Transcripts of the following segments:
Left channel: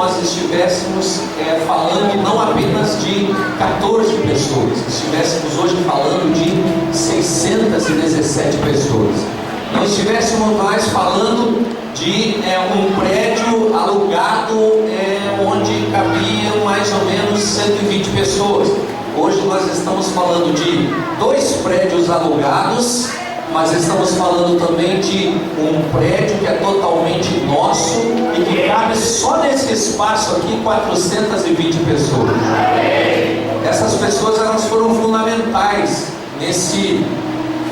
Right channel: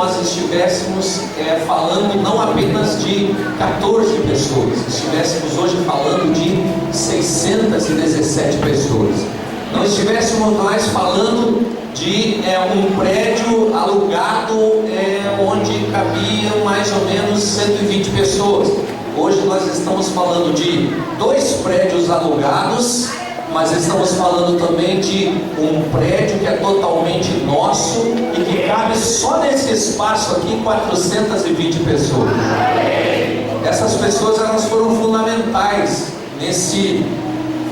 nós estivéssemos falando não apenas de 14 pessoas, estivéssemos hoje falando de 617 pessoas. Não estivéssemos mais falando de um prédio alugado onde cabiam mais ou menos 120 pessoas. Hoje nós estamos falando de 2 prédios alugados, mas estamos falando também de um prédio que é totalmente nosso e que cabe só nesse espaço aqui 420 pessoas. Essas pessoas, elas foram fundamentais nesse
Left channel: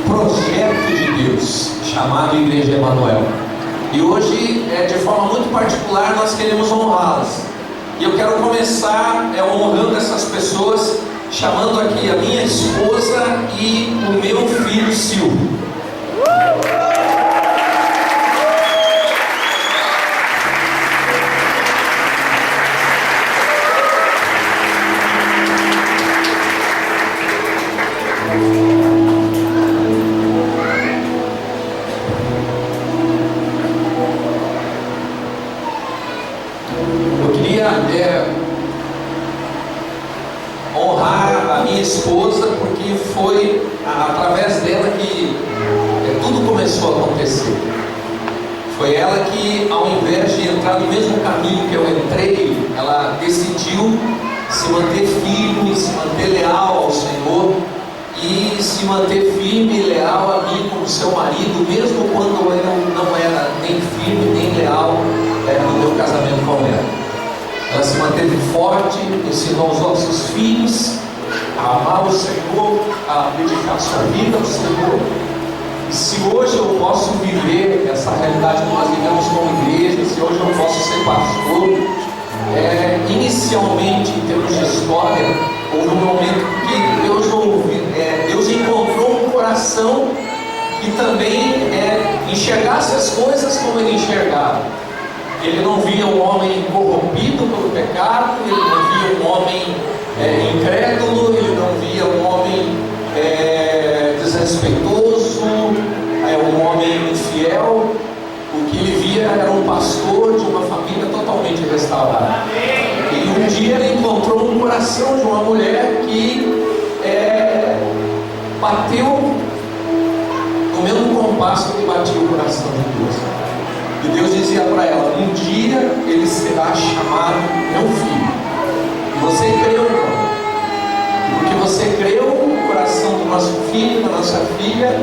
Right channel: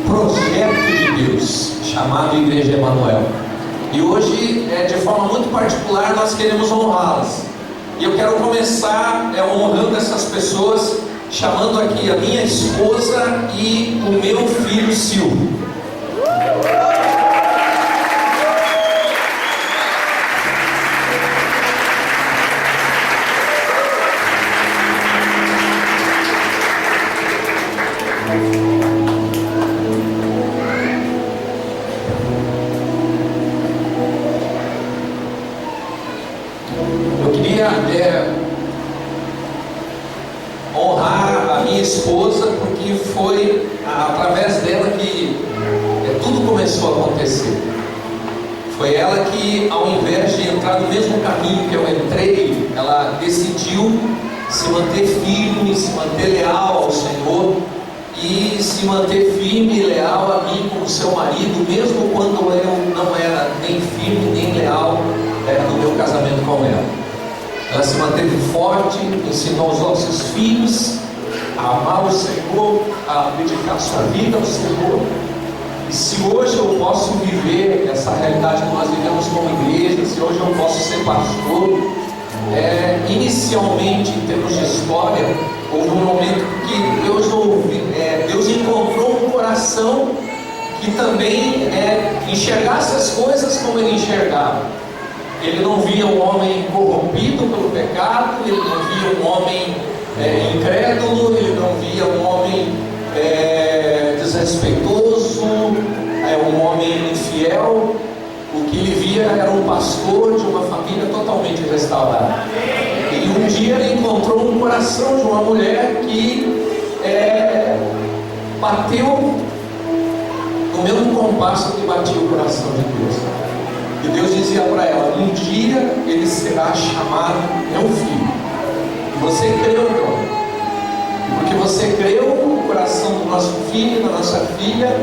projeto de Deus chamado Igreja Emanuel. E hoje, de forma muito particular, nós queremos honrá-las. E eu quero começar honrando essas pessoas, chamando aqui a minha esposa e o meu filho Silvio. Eu queria honrar a minha esposa, porque foi através dela que tudo começou a acontecer. Foi ela que, ao invés de entrar no mesmo caminho que eu entrei, ela decidiu se manter firme, se manter leal ao Senhor e se manter firme e leal a mim como seu marido, mesmo quando eu não era nem firme nem leal no meu casamento com ela. Ela se manteve forte, ensinou os nossos filhos a amar o Senhor, a dedicar sua vida ao Senhor. E se hoje eu posso viver essa realidade que nós vivemos como igreja, se hoje eu posso ser pastor, inicialmente, em termos de história, houve um momento que Deus encontrou um coração que também enxergasse as coisas como Ele enxergava. Ele não via um homem corrompido pelo pecado, ele não via um homem incrédulo, ele não via um homem desrespeitoso, um homem infiel. O que ele via era um pastor de uma família totalmente restaurada. E um dia ele encontrou um coração de uma mulher que bateu no mesmo compasso que batia o coração de Deus. E Deus dizia para ela: um dia ele será chamado meu filho. E você creu, irmão. Porque você creu, o coração do nosso filho, da nossa filha,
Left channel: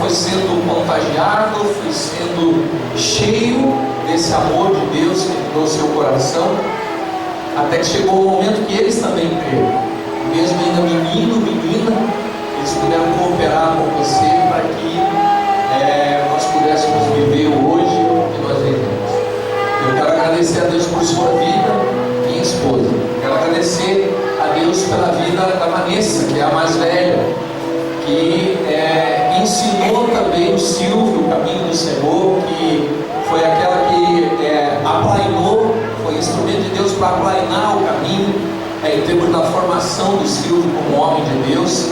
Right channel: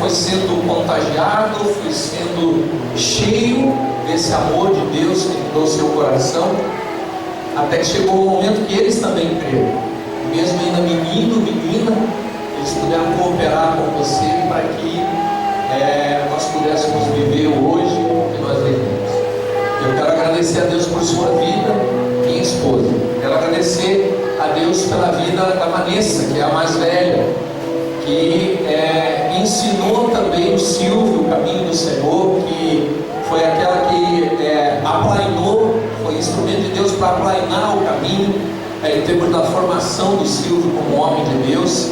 foi sendo contagiado, foi sendo cheio desse amor de Deus que mudou seu coração, até que chegou o momento que eles também creram. Mesmo ainda menino, menina, eles puderam cooperar com você para que nós pudéssemos viver hoje o que nós vivemos. Eu quero agradecer a Deus por sua vida, minha esposa. Quero agradecer a Deus pela vida da Vanessa, que é a mais velha, que ensinou também o Silvio o caminho do Senhor, que foi aquela que aplainou, foi instrumento de Deus para aplainar o caminho, em termos da formação do Silvio como homem de Deus.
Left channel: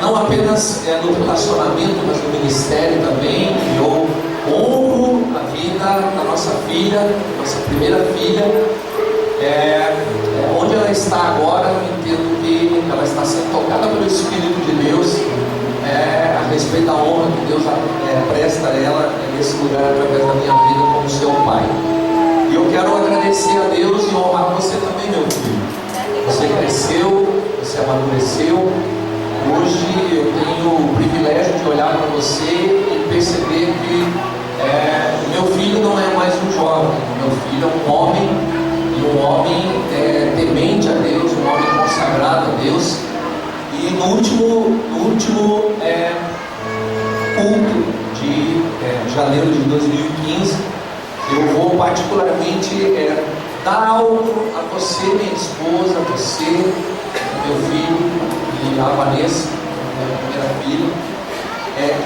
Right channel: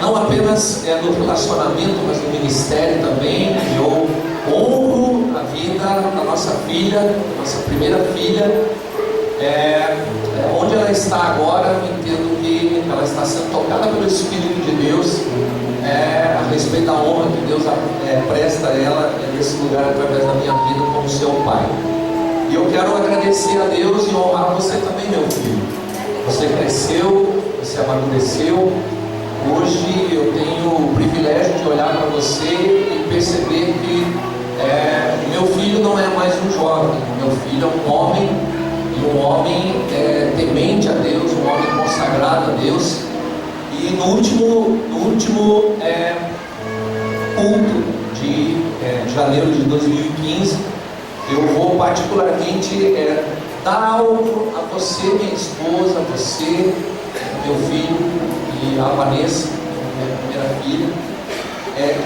Não apenas no relacionamento, mas no ministério também. E eu honro a vida da nossa filha, da nossa primeira filha. Onde ela está agora, eu entendo que ela está sendo tocada pelo Espírito de Deus, a respeito da honra que Deus presta a ela nesse lugar através da minha vida como seu pai. E eu quero agradecer a Deus e honrar você também, meu filho. Você cresceu, você amadureceu. Hoje eu tenho o privilégio de olhar para você e perceber que meu filho não é mais um jovem. Meu filho é um homem, e um homem temente a Deus, um homem consagrado a Deus. E no último culto de janeiro de 2015, eu vou particularmente dar algo a você, minha esposa, a você, meu filho e a Vanessa, minha primeira filha,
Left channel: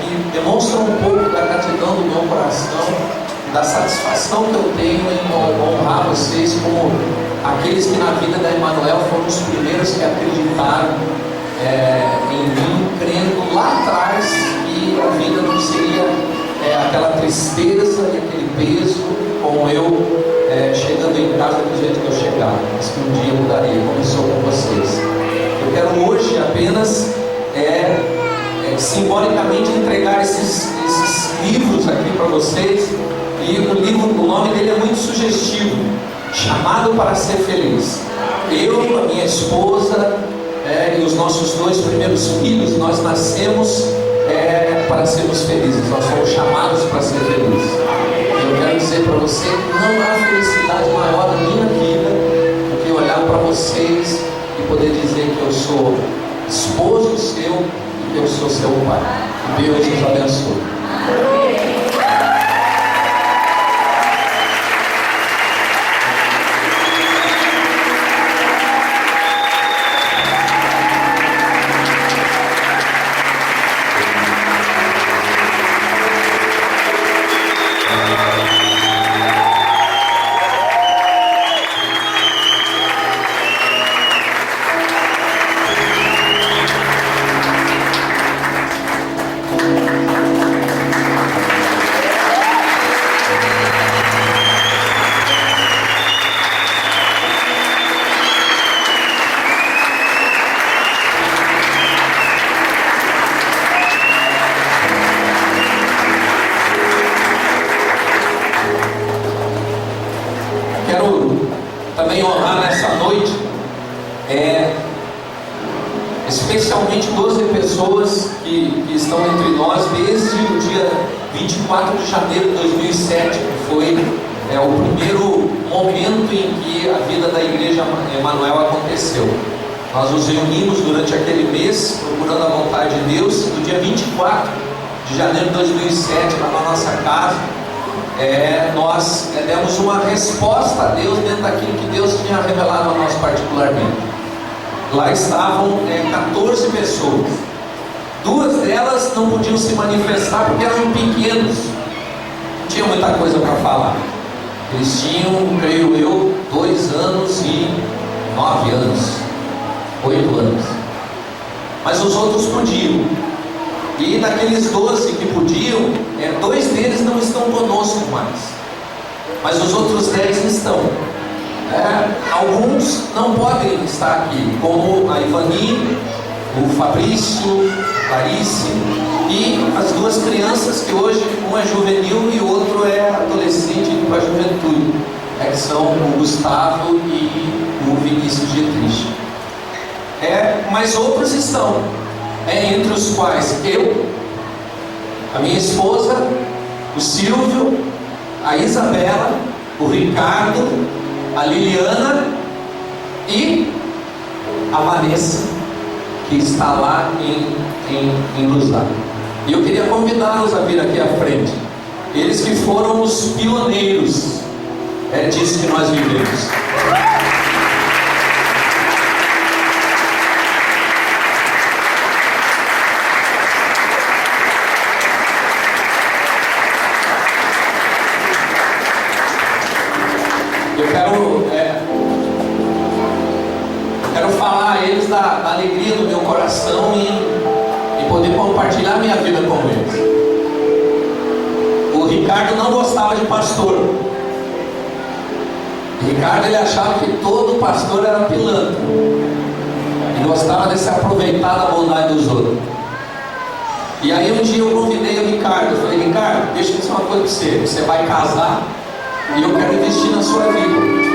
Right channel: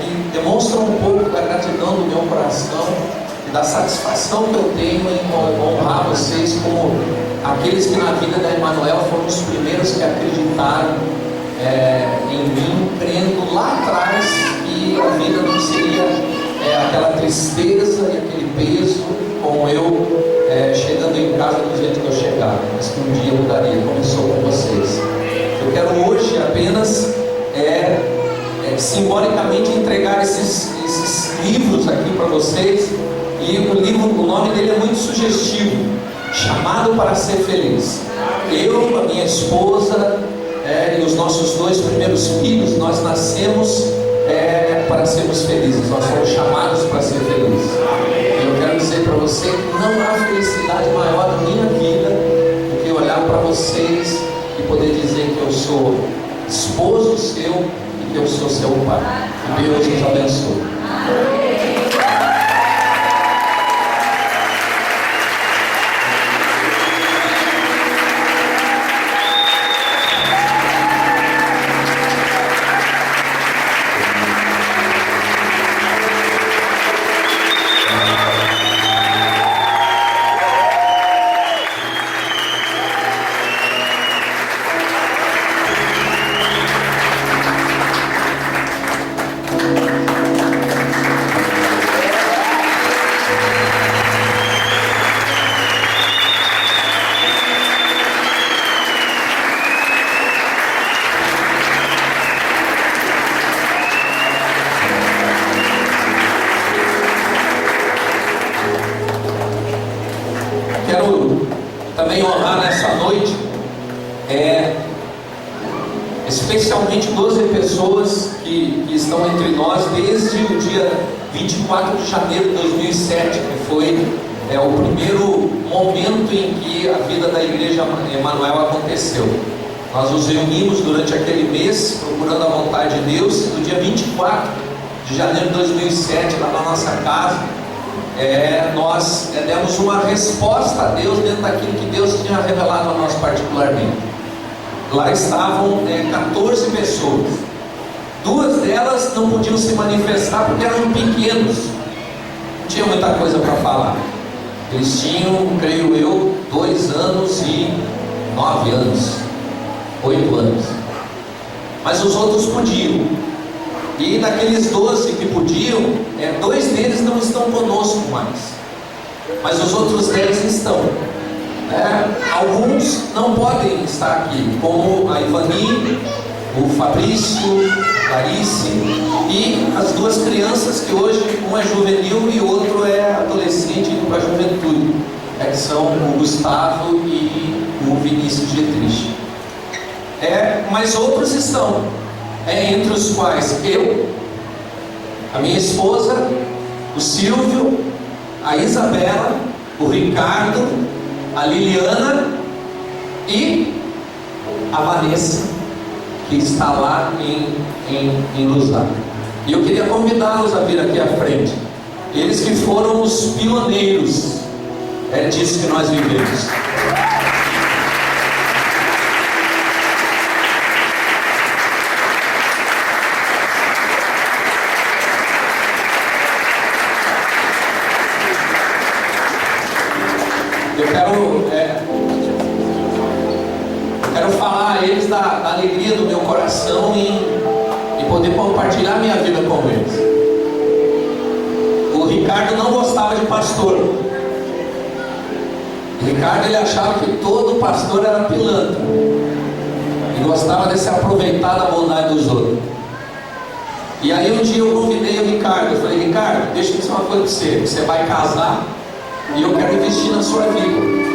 que demonstra um pouco da gratidão do meu coração e da satisfação que eu tenho em honrar vocês como aqueles que na vida da Emanuel foram os primeiros que acreditaram em mim, crendo lá atrás que a vida não seria aquela tristeza e aquele peso, como eu chegando casa do jeito que eu chegava, mas que um dia mudaria. Começou com vocês. Eu quero hoje apenas simbolicamente entregar esses livros aqui para vocês. E o nome dele é muito sugestivo: Chamado para Ser Feliz. Eu, a minha esposa e os nossos 2 primeiros filhos, nós nascemos para sermos felizes. Nós fomos chamados para ser felizes. E eu quero dizer para você que não há felicidade maior na minha vida do que olhar para vocês e poder dizer que eu sou esposo seu e que eu sou seu pai. Que Deus nos abençoe. Também honrar nessa noite especialmente 12 pessoas que estão entre nós desde o dia 24 de janeiro de 2007, que foi o primeiro momento em que a vida da Igreja Emanuel aconteceu. Nós nos reunimos durante aquele mês procurando a vontade de Deus. No dia 24 de janeiro de 2007, lá na nossa casa, nós demos uma resposta a Deus dentro daquilo que Deus tinha revelado a nós particularmente. Lá estavam 14 pessoas. 2 delas não podiam se manifestar porque eram pequenos, não tinha muita coisa para falar. Eles tinham, creio eu, 2 anos e 9 anos, 8 anos. Mas os outros podiam. E daqueles 12 que podiam, 2 deles não estão conosco mais, mas os outros 10 estão. Alguns não podem estar aqui, como a Ivani, o Fabrício, Clarice e as 2 crianças que hoje, um é juvenil e o outro é adolescente indo para a juventude, que são o Gustavo e o Vinícius Dietrich. Mas outros estão. Entre os quais eu, a minha esposa, o Silvio, a Isabela, o Ricardo, a Liliana e a Vanessa, que está lá em Luzar. E eu queria convidá-los a vir aqui à frente. Eles que foram os pioneiros disso que nós vivemos. Eu quero falar a eles da alegria do meu coração e poder compartilhar minha vida com eles. O Ricardo não gostava de pastor. O Ricardo, ele achava que todo pastor era pilantra e gostava de se aproveitar da bondade dos outros. E aí um dia eu convidei o Ricardo. Eu falei: Ricardo, deixa eu dizer uma coisa para você. Você vai casar e eu quero investir na sua vida.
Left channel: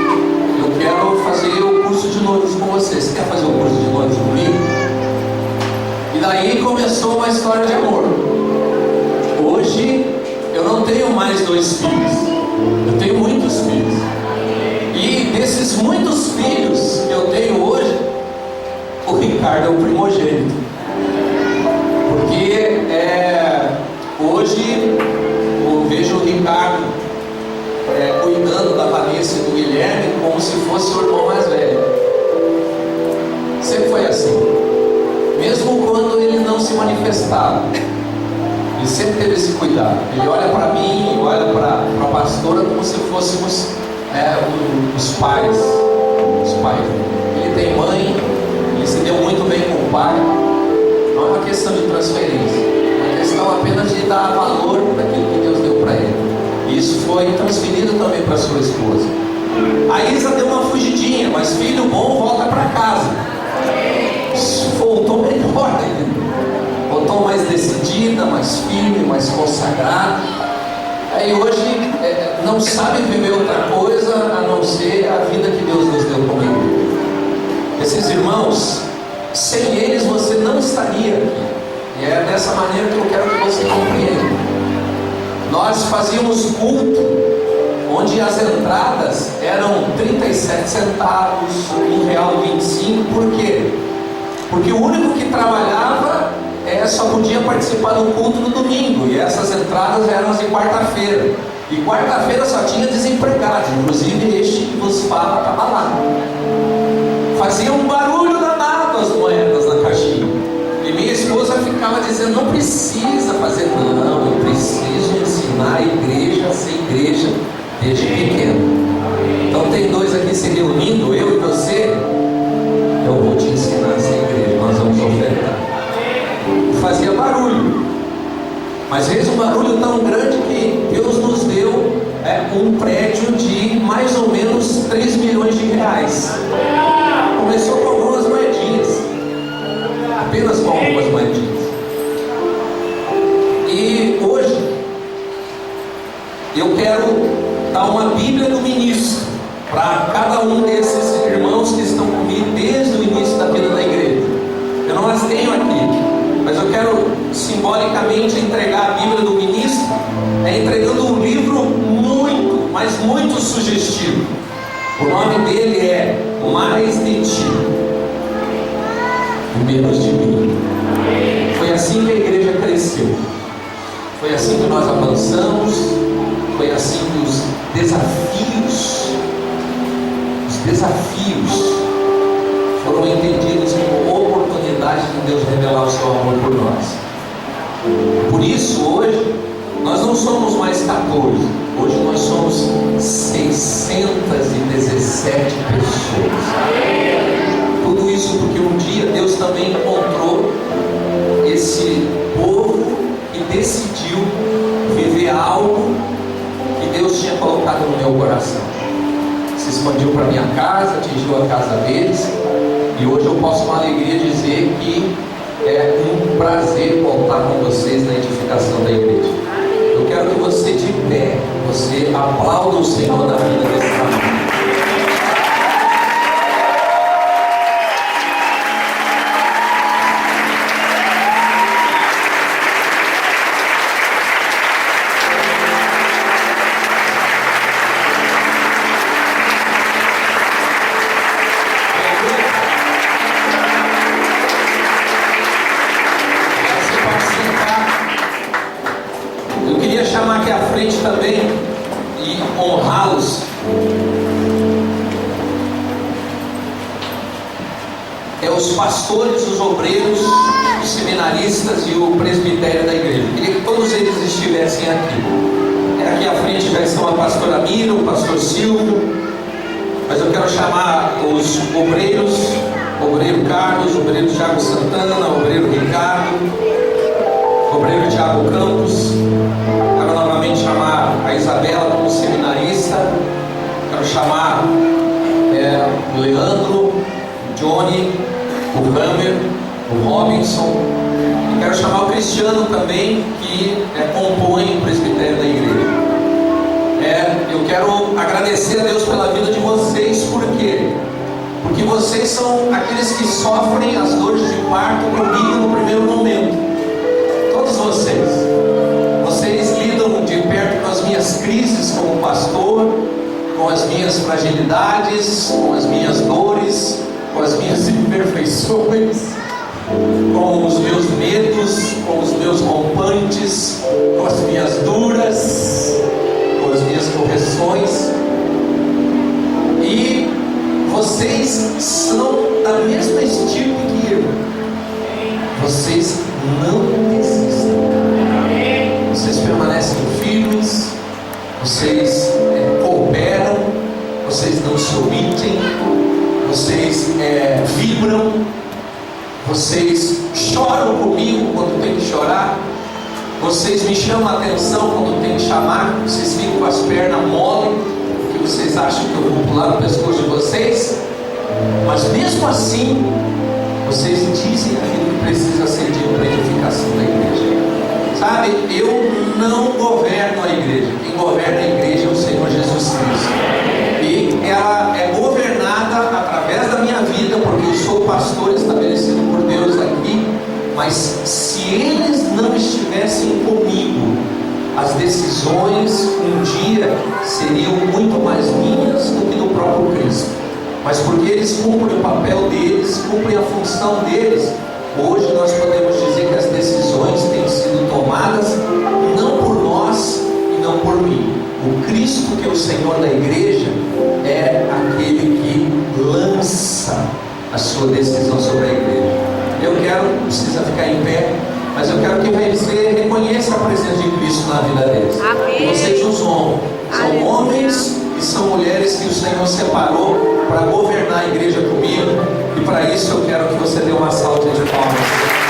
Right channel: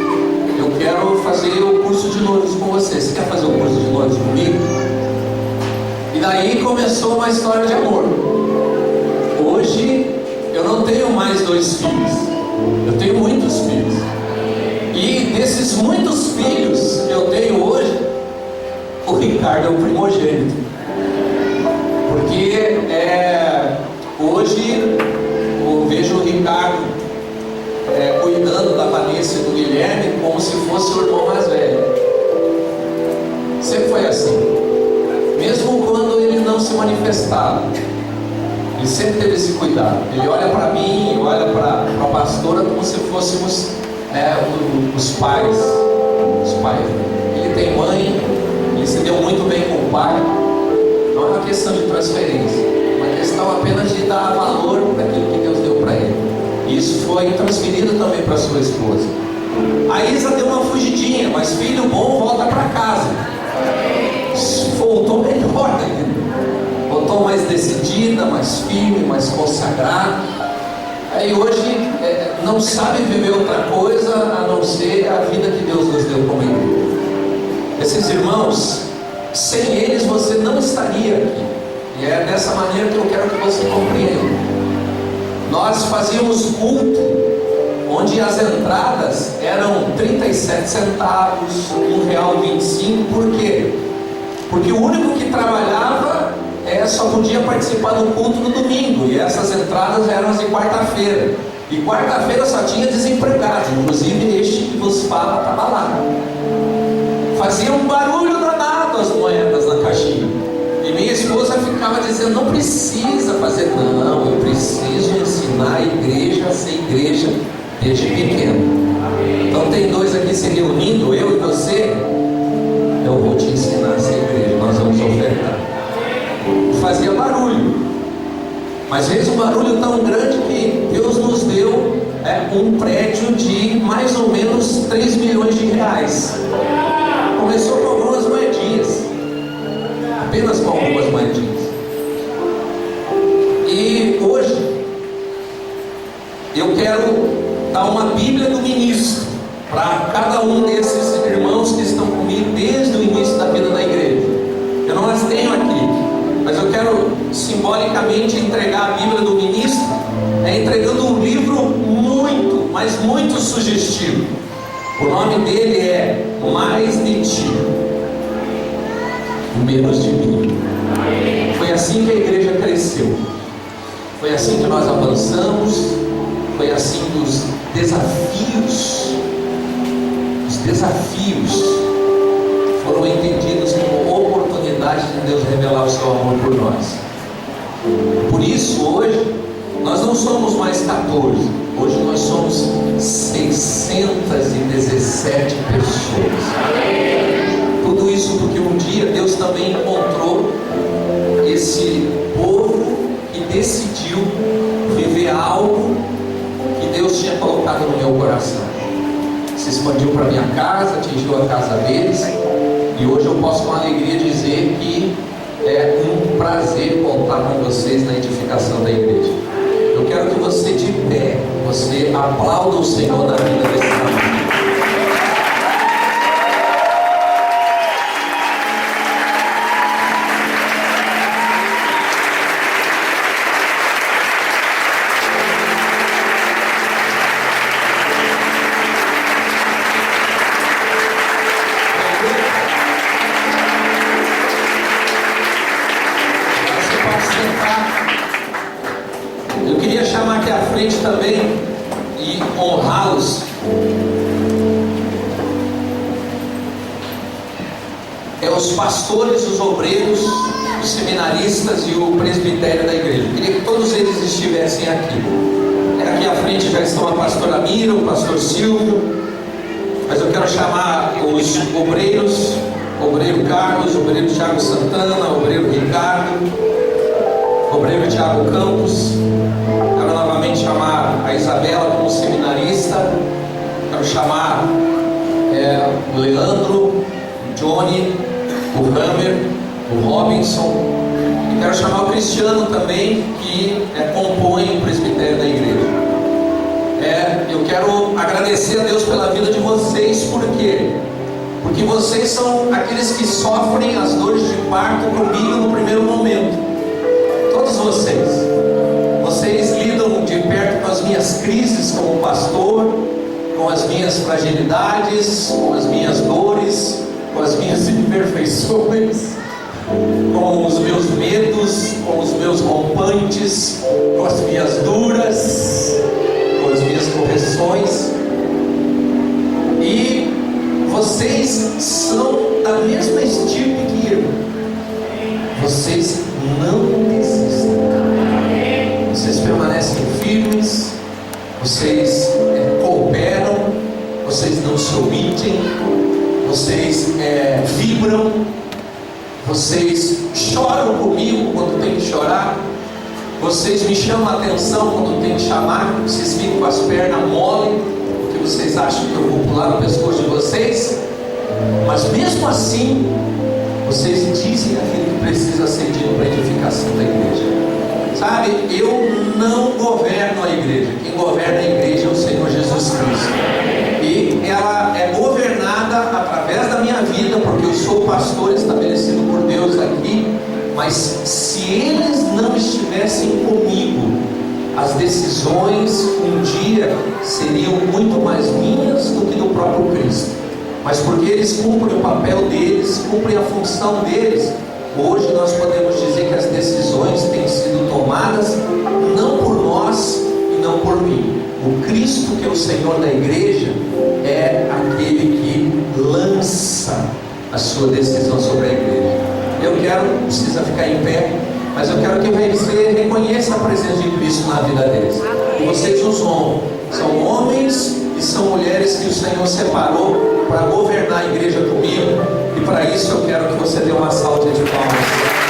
Eu quero fazer o curso de noivos com você. Você quer fazer o curso de noivos comigo? E daí começou uma história de amor. Hoje eu não tenho mais 2 filhos, eu tenho muitos filhos. E desses muitos filhos que eu tenho hoje, o Ricardo é o primogênito. Porque hoje eu vejo o Ricardo cuidando da Vanessa e do Guilherme como se fosse o irmão mais velho. Sempre foi assim. Mesmo quando ele não se manifestava, ele sempre teve esse cuidado. Ele olha para mim, olha para a pastora como se fôssemos os pais. Ele tem mãe, ele se deu muito bem com o pai. Não é uma questão de transferência, é uma questão apenas de dar valor daquilo que Deus deu para ele. E isso foi transferido também para sua esposa. A Isa deu uma fugidinha, mas filho bom volta para casa. Voltou melhor ainda. Voltou mais decidida, mais firme, mais consagrada. Aí hoje não sabe viver outra coisa a não ser a vida que Deus nos deu como igreja. Esses irmãos, sem eles você não estaria aqui. E é dessa maneira que eu quero que você compreenda. Nós fazíamos culto onde as entradas eram 37 centavos, R$1,25. Por quê? Porque o único que trabalhava só podia participar do culto no domingo, e essas entradas eram as de quarta-feira. E quarta-feira só tinha desempregados, inclusive este que vos fala estava lá. Fazia um barulho danado as moedas na caixinha. E minha esposa ficava dizendo: não precisa fazer, não, eu preciso ensinar a igreja a ser igreja desde pequeno. Então tem dois aqui se reunindo, eu e você. Eu vou te ensinar a ser igreja, nós vamos ofertar. Fazia barulho, mas fez um barulho tão grande que Deus nos deu um prédio de mais ou menos R$3 milhões. Começou com algumas moedinhas, apenas com algumas moedinhas. E hoje eu quero dar uma Bíblia do ministro para cada um desses irmãos que estão comigo desde o início da vida da igreja. Eu não as tenho aqui, mas eu quero simbolicamente entregar a Bíblia do ministro, entregando um livro muito, mas muito sugestivo. O nome dele é Mais de Ti, Menos de Mim. Foi assim que a igreja cresceu, foi assim que nós avançamos, foi assim que os desafios foram entendidos como oportunidade de Deus revelar o seu amor por nós. Por isso hoje nós não somos mais 14, hoje nós somos 617 pessoas. Tudo isso porque um dia Deus também encontrou esse povo e decidiu viver algo que Deus tinha colocado no meu coração. Se expandiu para minha casa, atingiu a casa deles, e hoje eu posso com alegria dizer que é um prazer contar com vocês na edificação da igreja. Eu quero que você de pé, você aplauda o Senhor na vida desse amigo. Também e honrá-los. Os pastores, os obreiros, os seminaristas e o presbitério da igreja. Eu queria que todos eles estivessem aqui. Aqui à frente já estão a pastora Mira, o pastor Silvio, mas eu quero chamar os obreiros, o obreiro Carlos, o obreiro Thiago Santana, o obreiro Ricardo, o obreiro Thiago Campos. Quero novamente chamar a Isabela como seminarista. Quero chamar o Leandro, o Johnny, o Hammer, o Robinson. E quero chamar o Cristiano também, que compõe o presbitério da igreja. Eu quero agradecer a Deus pela vida de vocês. Por quê? Porque vocês são aqueles que sofrem as dores de parto comigo no primeiro momento. Todos vocês. Vocês lidam de perto com as minhas crises como pastor, com as minhas fragilidades, com as minhas dores, com as minhas imperfeições, com os meus medos, com os meus rompantes, com as minhas duras, com as minhas correções. E vocês são da mesma estirpe que eu. Vocês não desistem. Vocês permanecem firmes, vocês cooperam, vocês não se omitem, vocês vibram, vocês choram comigo quando tem que chorar, vocês me chamam a atenção quando tem que chamar, vocês ficam com as pernas mole, porque vocês acham que eu vou pular no pescoço de vocês? Mas mesmo assim, vocês dizem aquilo que precisa ser dito para a edificação da igreja. Sabe, eu não governo a igreja. Quem governa a igreja é o Senhor Jesus Cristo. E ela é governada através da minha vida, porque eu sou pastor estabelecido por Deus aqui. Mas se eles não estivessem comigo, as decisões um dia seriam muito mais minhas do que do próprio Cristo. Mas porque eles cumprem o papel deles, cumprem a função deles, hoje nós podemos dizer que as decisões têm sido tomadas não por nós e não por mim. O Cristo, que é o Senhor da igreja, é aquele que lança a sua decisão sobre a igreja. Eu quero, não precisa ficar em pé, mas eu quero que você reconheça a presença de Cristo na vida deles. E vocês os honram. São homens e são mulheres que o Senhor separou para governar a igreja comigo. E para isso eu quero que você dê uma salva de palmas.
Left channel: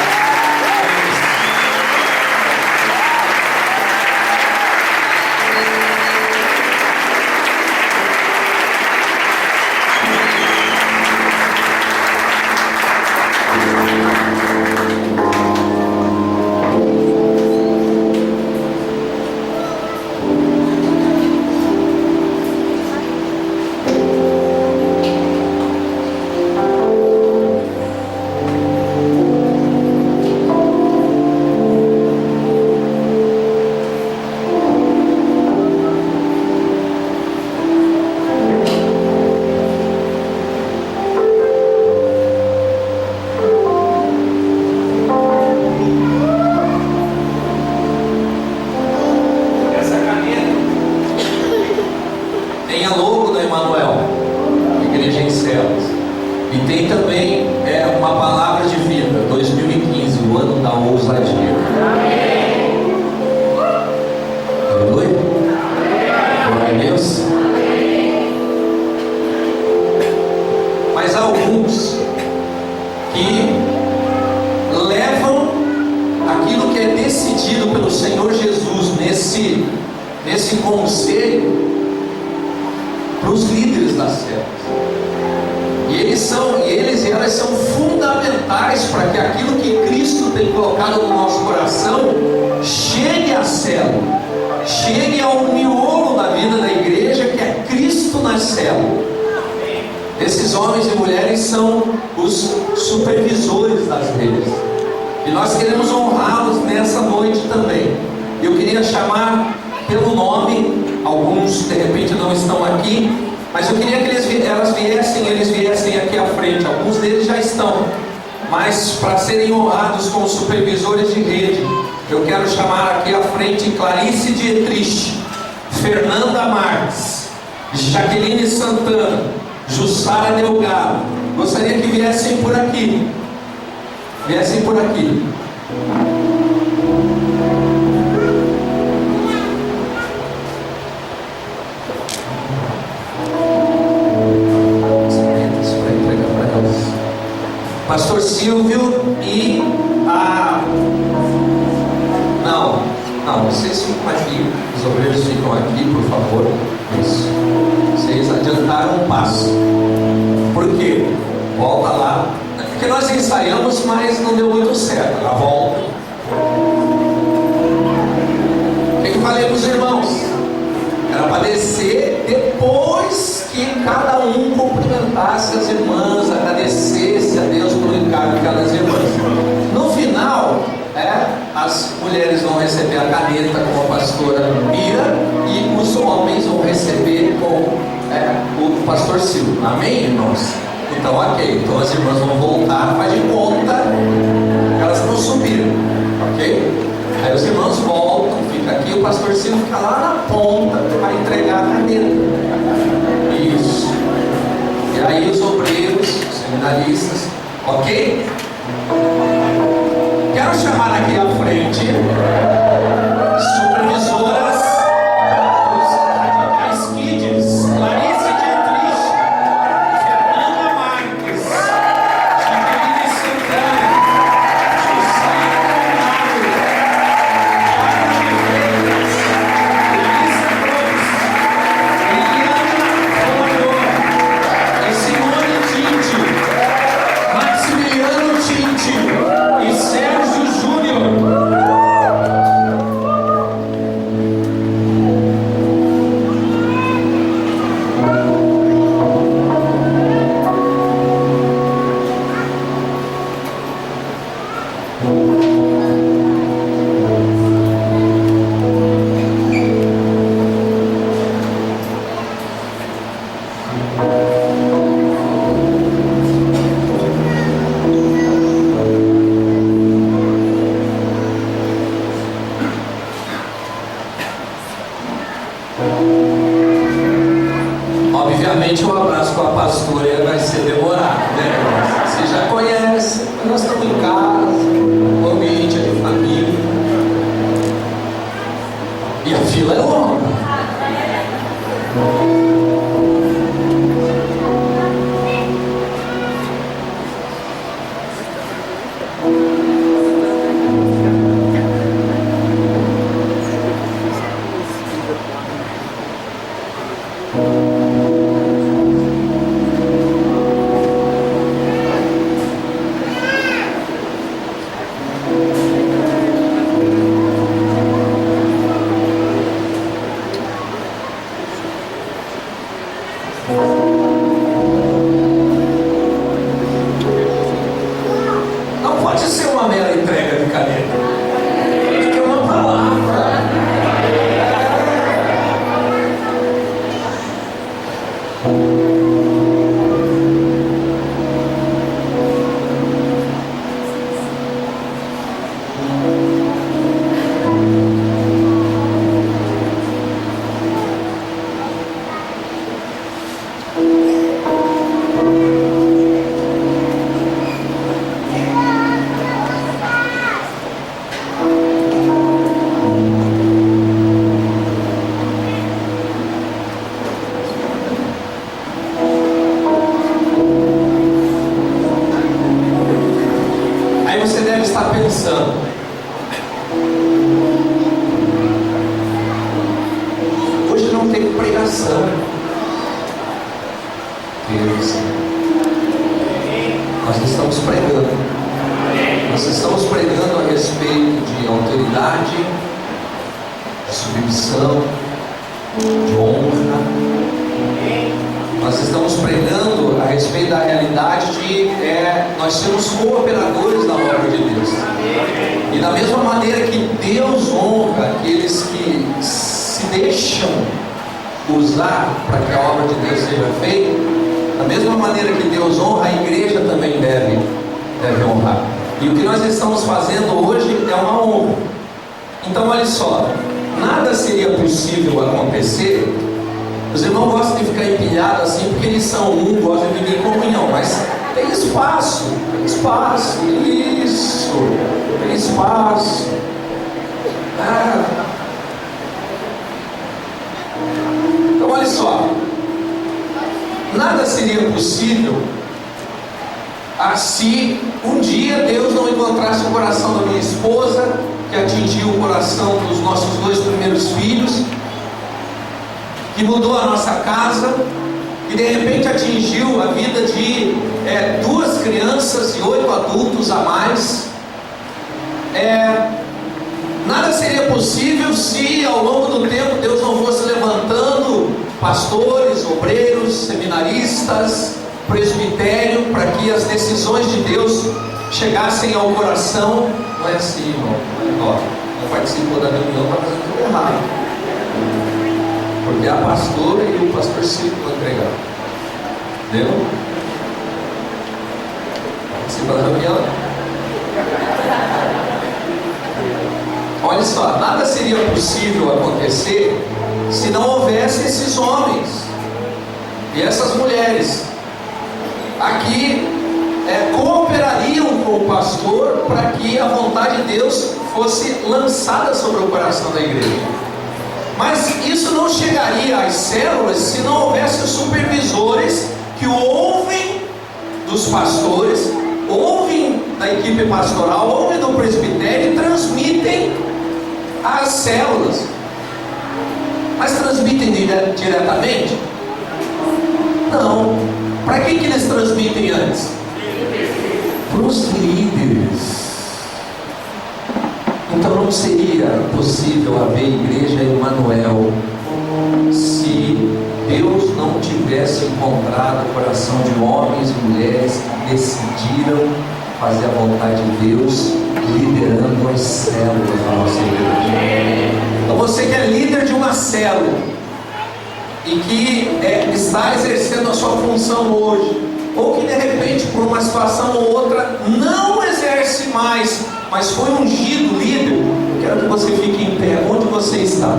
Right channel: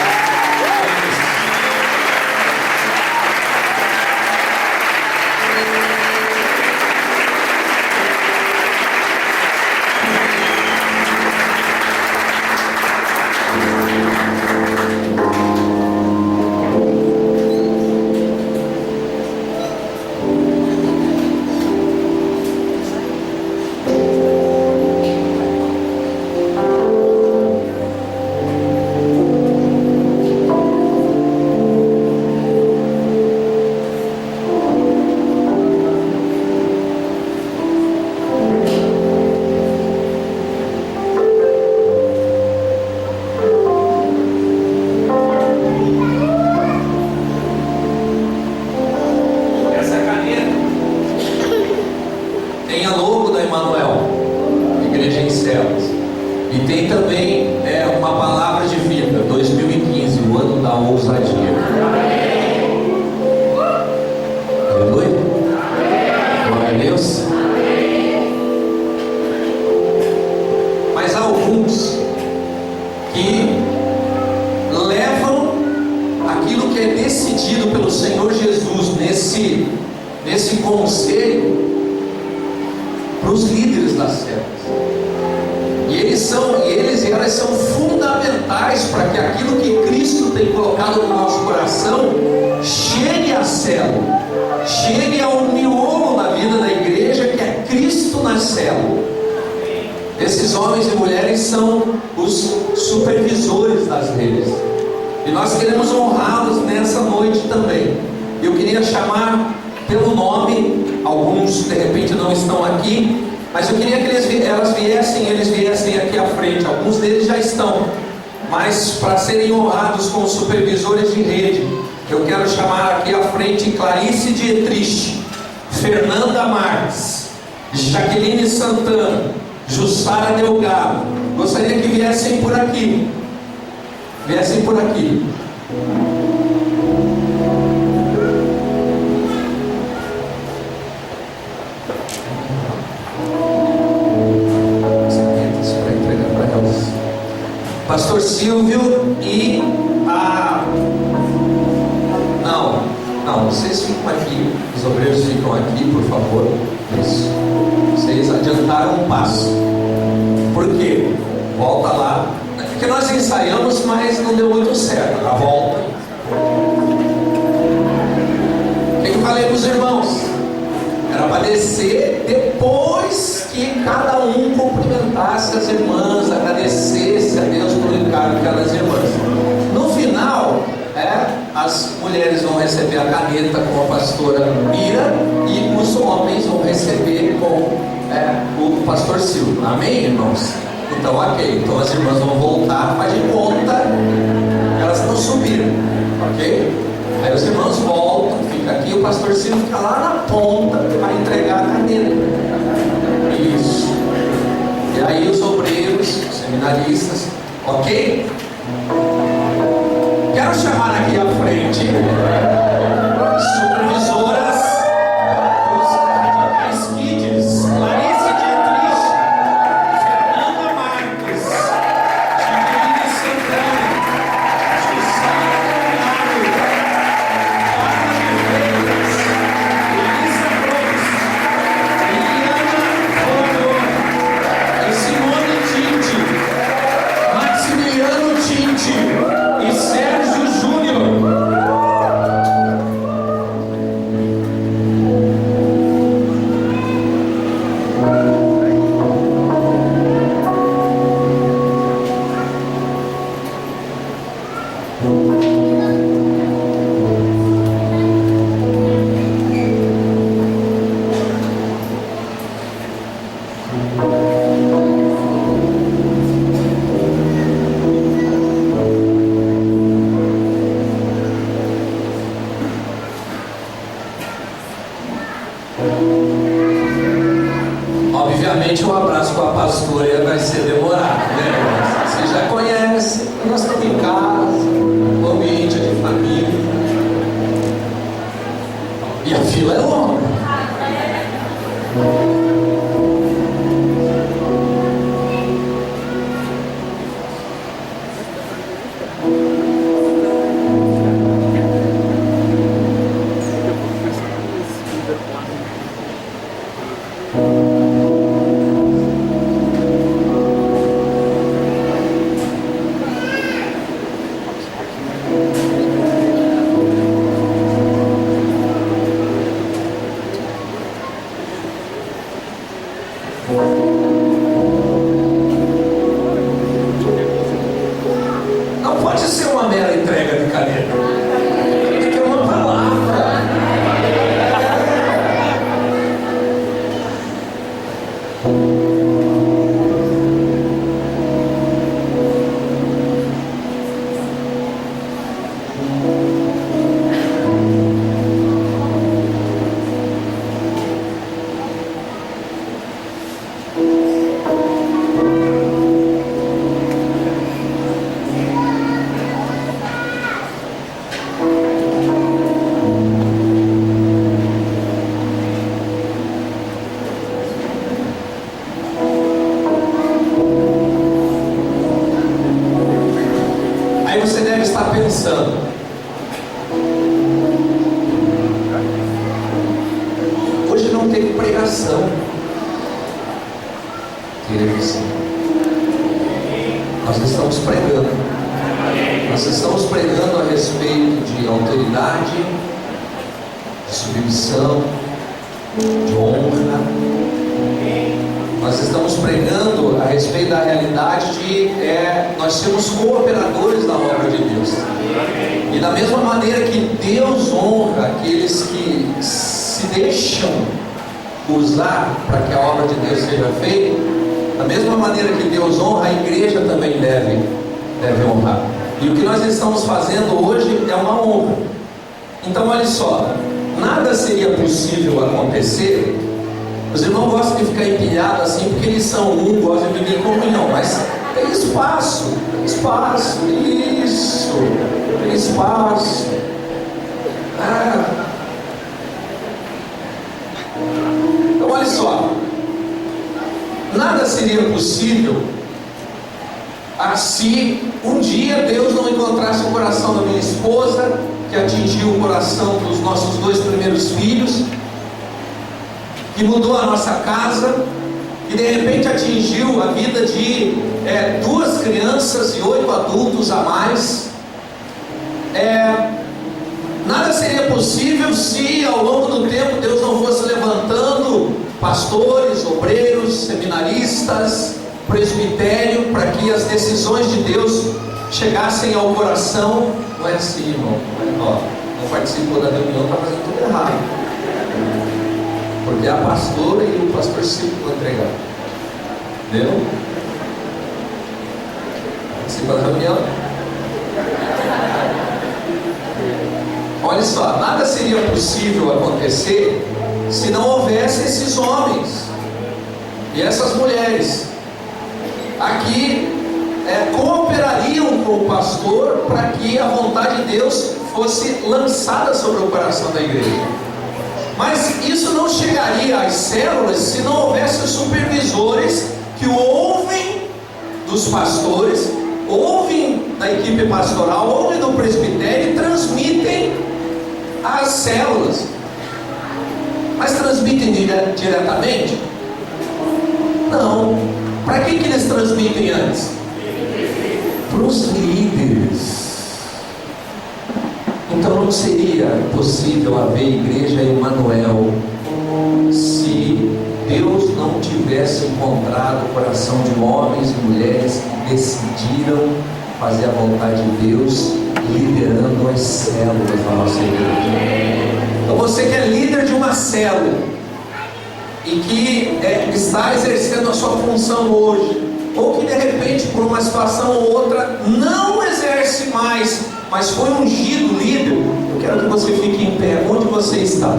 Nesse conselho para os líderes das células. E eles e elas são fundamentais para que aquilo que Cristo tem colocado no nosso coração chegue à célula, chegue ao miolo da vida da igreja, que é Cristo na célula. Esses homens e mulheres são os supervisores das redes. E nós queremos honrá-los nessa noite também. Eu queria chamar pelo nome, alguns de repente não estão aqui, mas eu queria que eles viessem aqui à frente. Alguns deles já estão, mas para serem honrados como supervisores de rede, eu quero chamar aqui à frente Clarice Dietrich, Fernanda Marques, Jaqueline Santana, Jussara Delgado. Gostaria que viessem por aqui. Viessem por aqui. Pastor Silvio e a... Não, vocês ficam aqui, os obreiros ficam aqui, por favor. Isso. Vocês adiantaram um passo. Por quê? Volta lá. Porque nós ensaiamos, mas não deu muito certo. Agora volta. O que eu falei para os irmãos? Era para descer depois que cada um cumprimentasse as irmãs, agradecesse a Deus pelo encargo de cada irmãs. No final, as mulheres vão receber a caneta com a pastora Mira e os homens vão receber com o pastor Silvio. Amém, irmãos? Então, ok. Então as irmãs vão voltar, faz de conta que elas não subiram, ok? Aí os irmãos voltam, fica aqui, o pastor Silvio fica lá na ponta para entregar a caneta. Isso. E aí os obreiros, os seminaristas, ok? Quero chamar aqui à frente supervisoras dos Radicais Kids, Clarice Dietrich, Fernanda Marques, Jaqueline Santana, Jussara Delgado, Fátima Freitas, Larissa Cruz, Liliana Obviamente o abraço com a pastora vai ser demorado, né? Você já conhece, nós estamos em casa, o ambiente é de família, e a fila é longa. Não pode ser uma mera entrega de caneta, tem que ter uma palavra. Aí você deve estar pensando: hoje não teve pregação. Teve sim. Nós estamos pregando. Nós estamos pregando a respeito de autoridade, de submissão, de honra. Nós estamos pregando a respeito da realidade de nós sermos cooperadores da obra de Deus. E da mesma maneira que Deus honra aqueles que se deixam usar para que a obra de Deus seja feita, da mesma maneira que Deus honra, a igreja também deve honrar. E o que nós estamos fazendo hoje é uma honra. Então olha só, nada seria possível acontecer. Os irmãos gostam de ficar empilhados assim porque eles são gostam de viver em comunhão, mas tem espaço, isso, tem espaço. Então olha só, nada seria possível se um dia Deus não encontrasse o coração da minha esposa, que atingiu o coração dos nossos 2 primeiros filhos, que mudou a nossa casa, que de repente atingiu a vida de 2 crianças e 8 adultos a mais. Nada seria possível se ao longo do tempo Deus não fosse levantando pastores, obreiros, seminaristas, presbitério, para que as decisões de Deus chegassem ao coração. Não é assim, irmão. Não participou da reunião, está fazendo tudo errado. Porque a pastora e o pastor Ciro vão entregar. Entendeu? Participa da reunião. Olha só, nada seria possível acontecer se não houvesse esses homens e essas mulheres aqui cooperariam com o pastor para que a vontade de Deus fosse lançada sobre o coração da igreja. Mas isso não chegaria às células se não houvesse os supervisores que ouvem dos pastores, ouvem da equipe pastoral, ouvem do presbitério e transmitem às células. Mas transmitem diretamente? Não. Para que eles transmitem antes? Para os líderes. Então não seria possível haver igreja Emanuel se Deus não tivesse encontrado o coração de homens e mulheres que decidiram fazer a vontade de Deus, liderando as células da nossa igreja. Então você que é líder de uma célula e que está exercendo sua função hoje, ou que de repente por uma situação ou outra não exerce mais, mas foi ungido líder, eu quero que você fique em pé onde você está.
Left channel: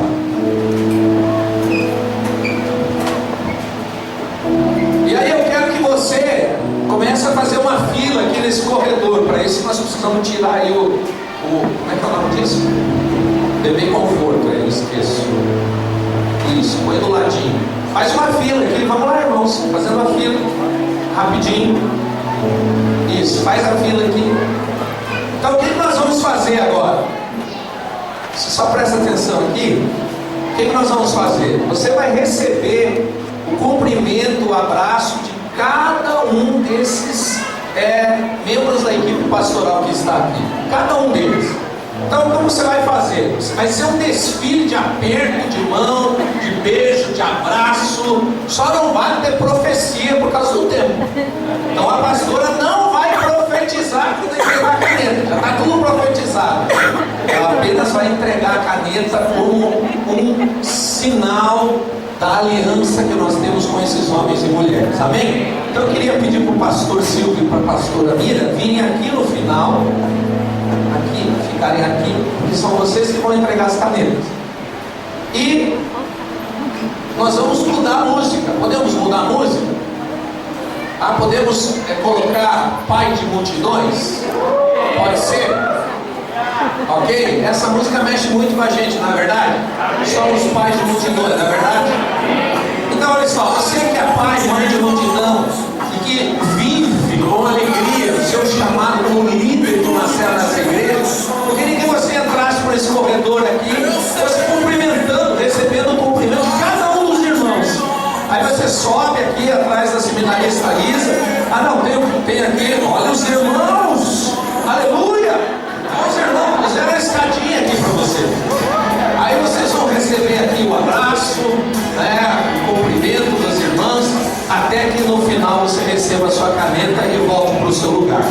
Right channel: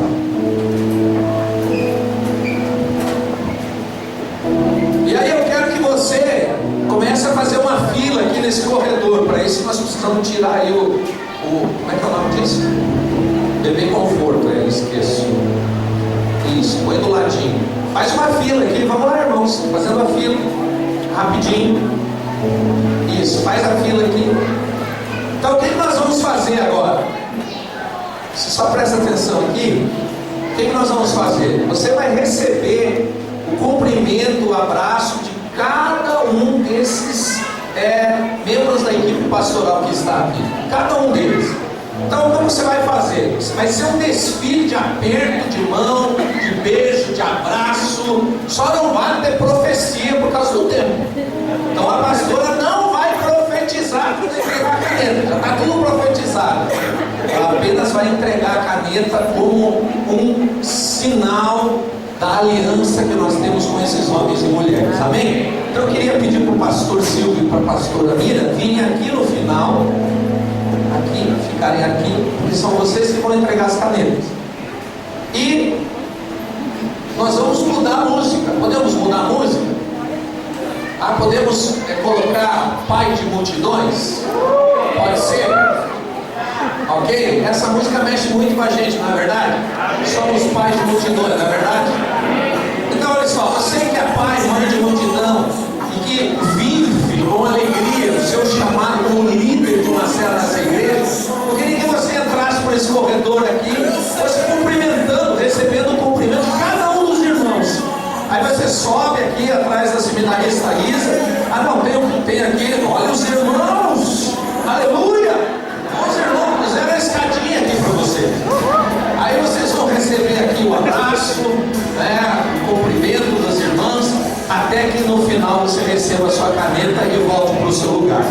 E aí eu quero que você comece a fazer uma fila aqui nesse corredor. Para isso nós precisamos tirar aí como é que é o nome disso? Bebê conforto, eu esqueço. Isso, põe do ladinho. Faz uma fila aqui, vamos lá, irmãos, fazendo a fila, rapidinho. Isso, faz a fila aqui. Então o que nós vamos fazer agora? Você só presta atenção aqui. O que nós vamos fazer? Você vai receber o cumprimento, o abraço de cada um desses membros da equipe pastoral que está aqui. Cada um deles. Então como você vai fazer? Vai ser um desfile de aperto de mão, de beijo, de abraço. Só não vai ter profecia por causa do tempo. Então a pastora não vai profetizar quando entregar a caneta. Já está tudo profetizado. Ela apenas vai entregar a caneta como um sinal da aliança que nós temos com esses homens e mulheres. Amém? Então eu queria pedir para o pastor Silvio e para a pastora Mira virem aqui no final. Aqui, ficarem aqui, porque são vocês que vão entregar as canetas. E nós vamos mudar a música. Podemos mudar a música? Podemos colocar Pai de Multidões? Pode ser? Ok? Essa música mexe muito com a gente, não é verdade? Somos pais de multidões, não é verdade? Então olha só, você que é pai, mãe de multidão e que vive com alegria o seu chamado como líder de uma célula das igrejas, eu queria que você entrasse por esse corredor aqui, você cumprimentando, recebendo o cumprimento de cada um dos irmãos. Aí você sobe aqui atrás da seminarista Isa. Não, tem aqui, olha os irmãos, aleluia! Os irmãos fizeram a escadinha aqui para vocês. Aí vocês vão receber aqui o abraço, o cumprimento das irmãs, até que no final você receba a sua caneta e volte para o seu lugar.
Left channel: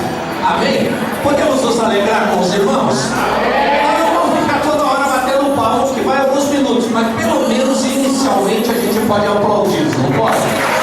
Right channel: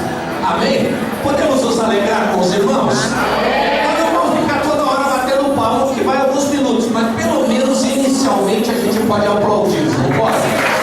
Amém? Podemos nos alegrar com os irmãos? Nós não vamos ficar toda hora batendo palma, que vai alguns minutos, mas pelo menos inicialmente a gente pode aplaudir, não pode?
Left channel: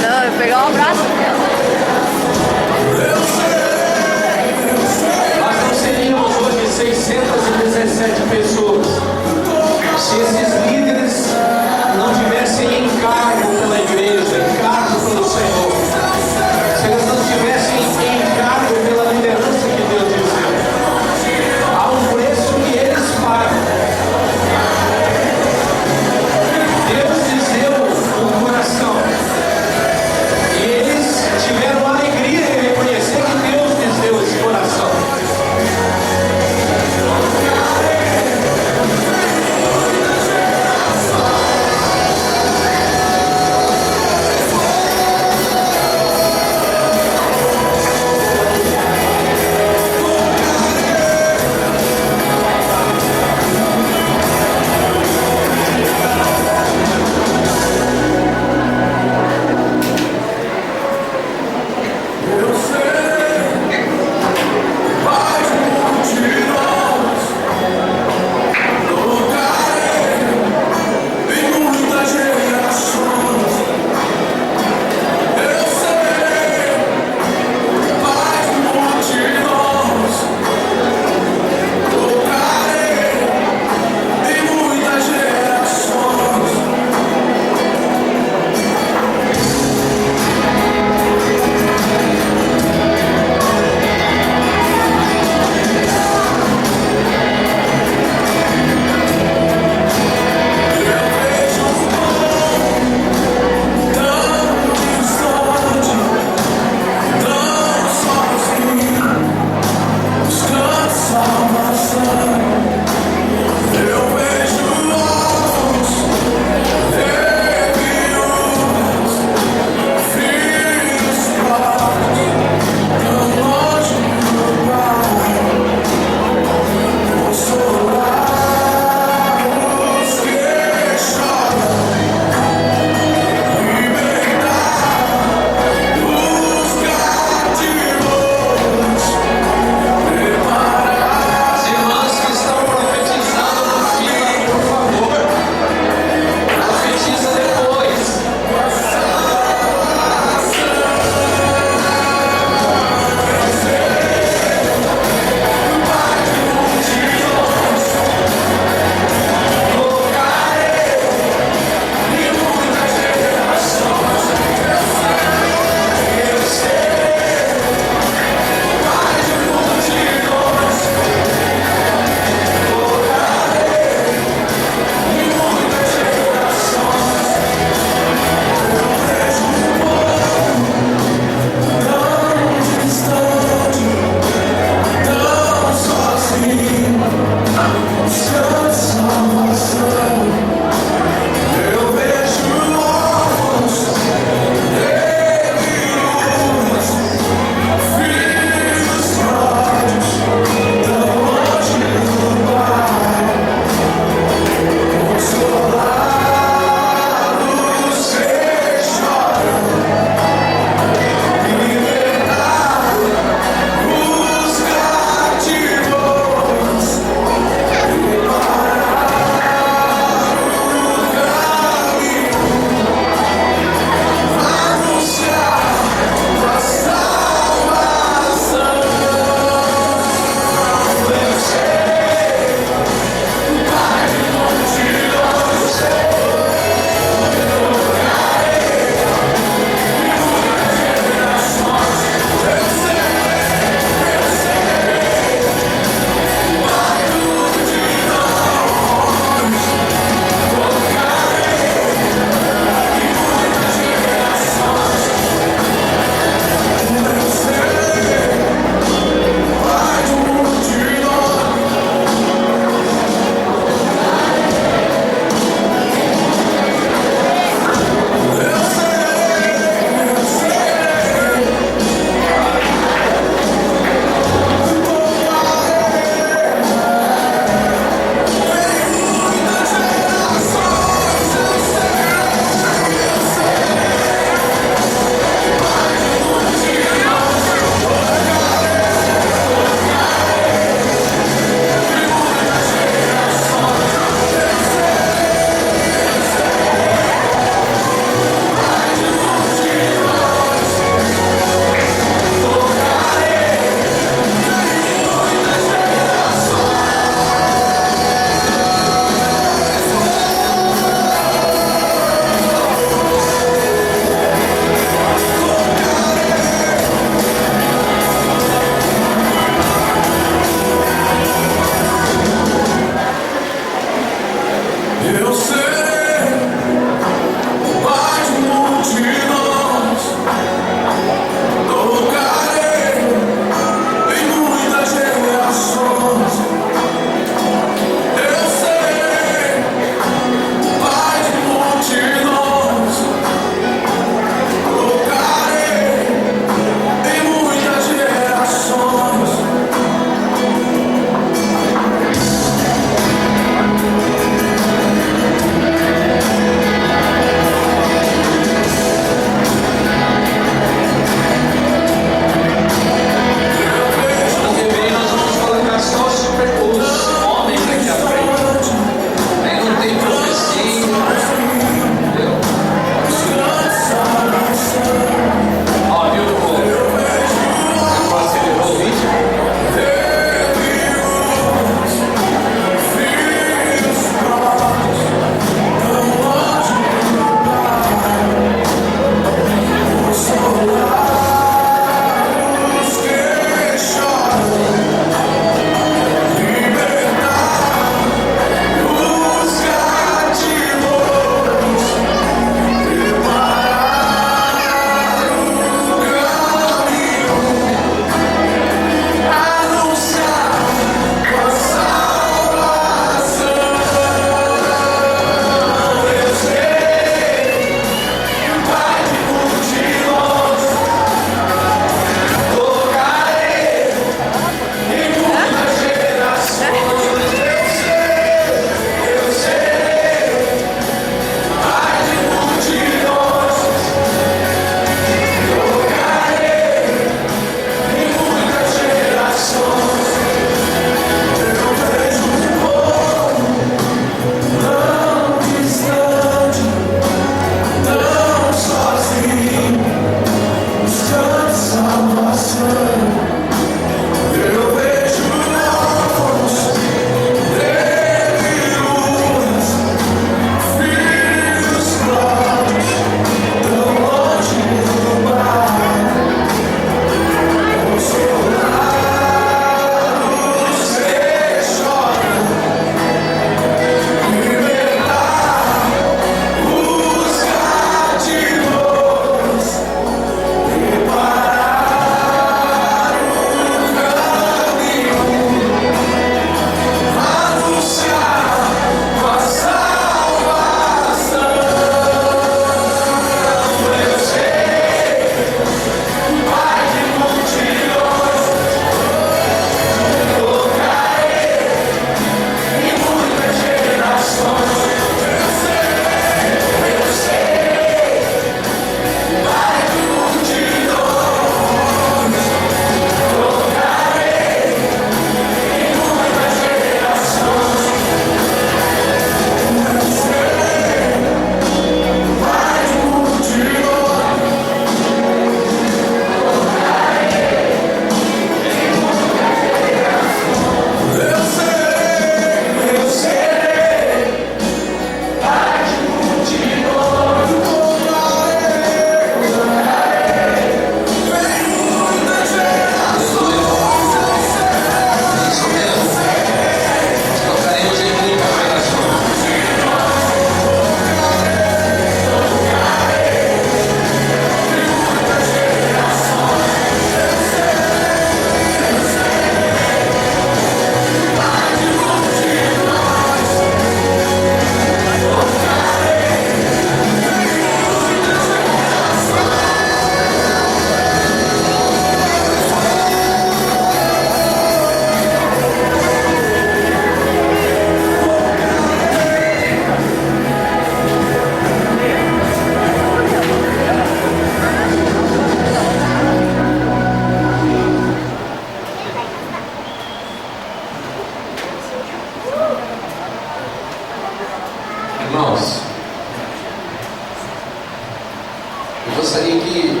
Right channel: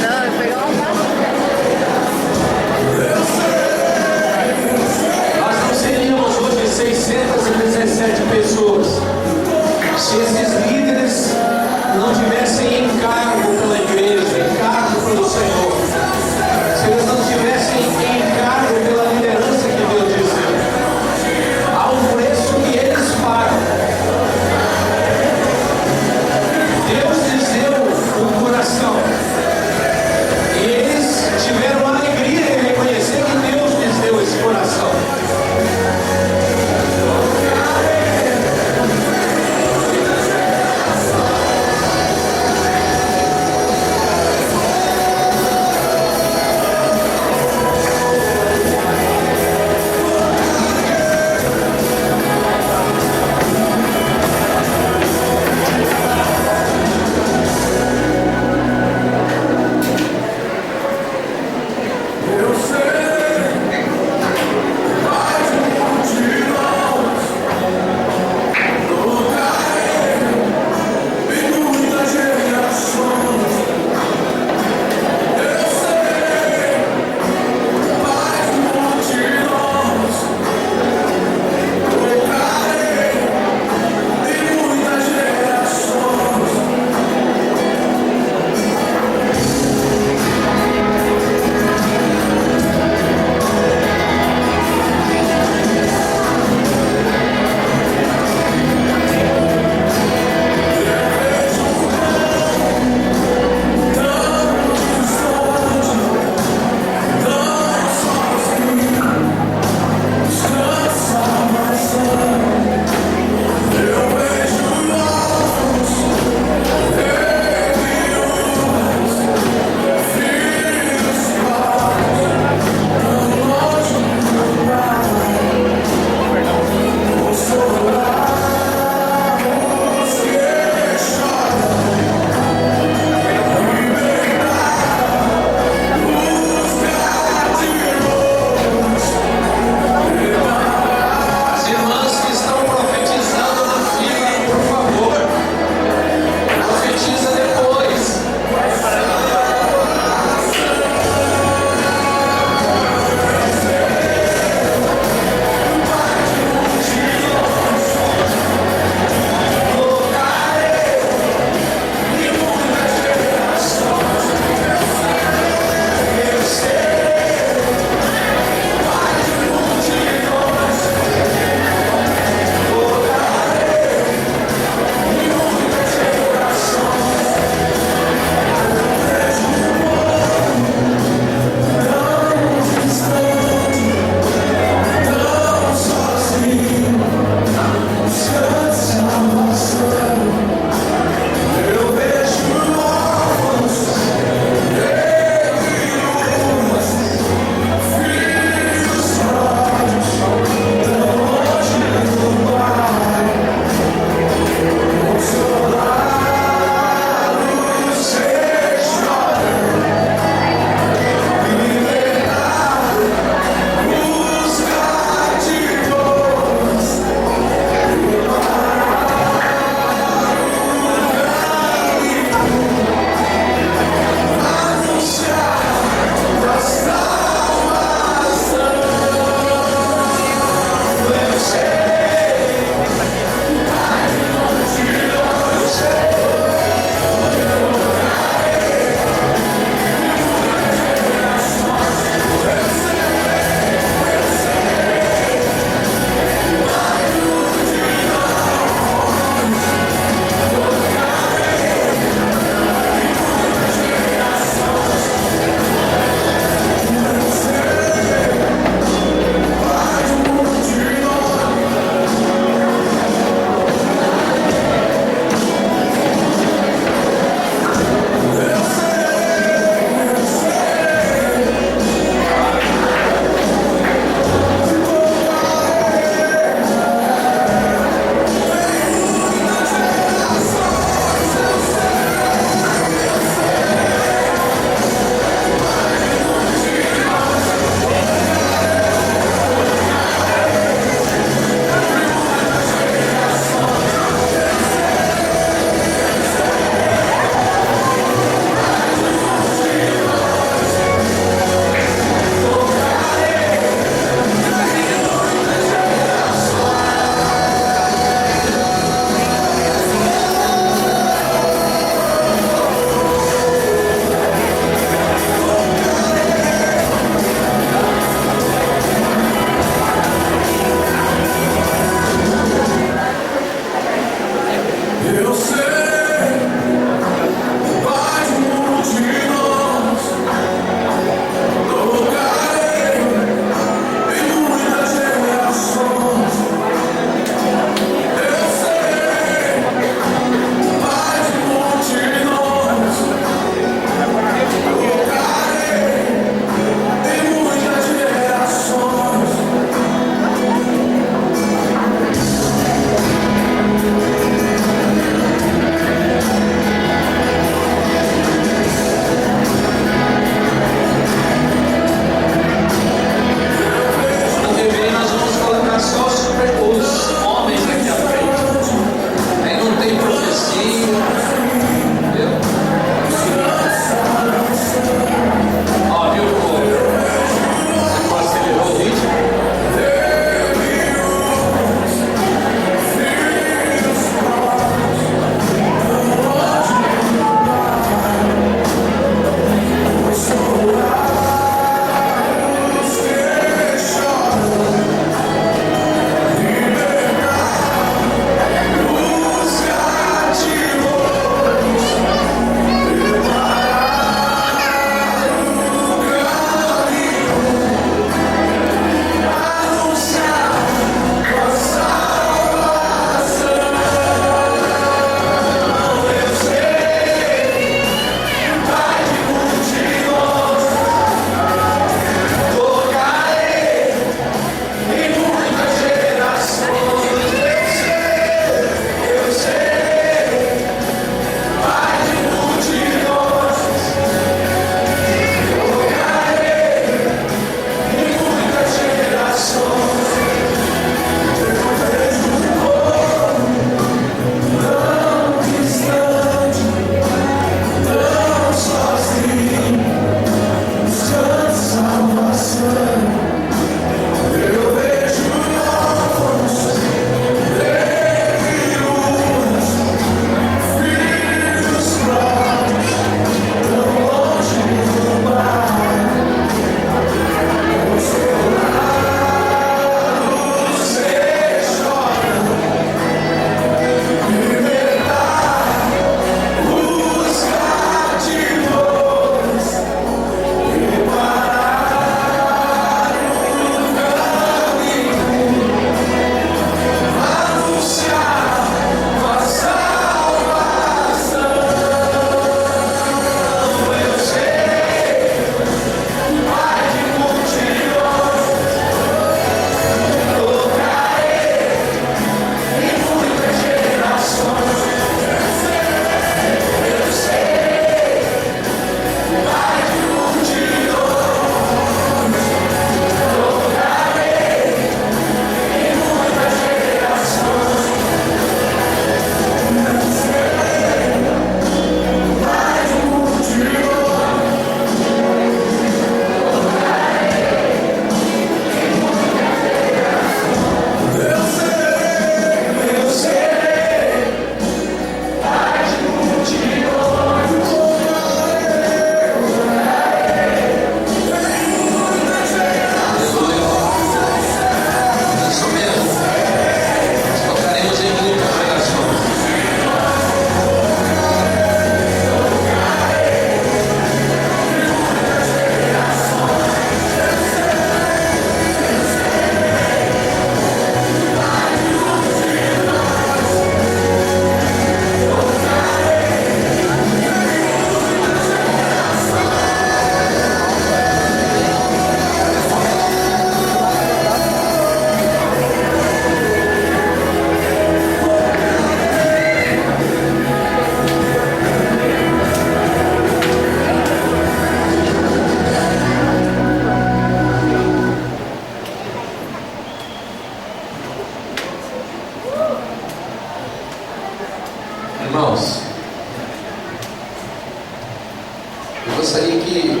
gostaria que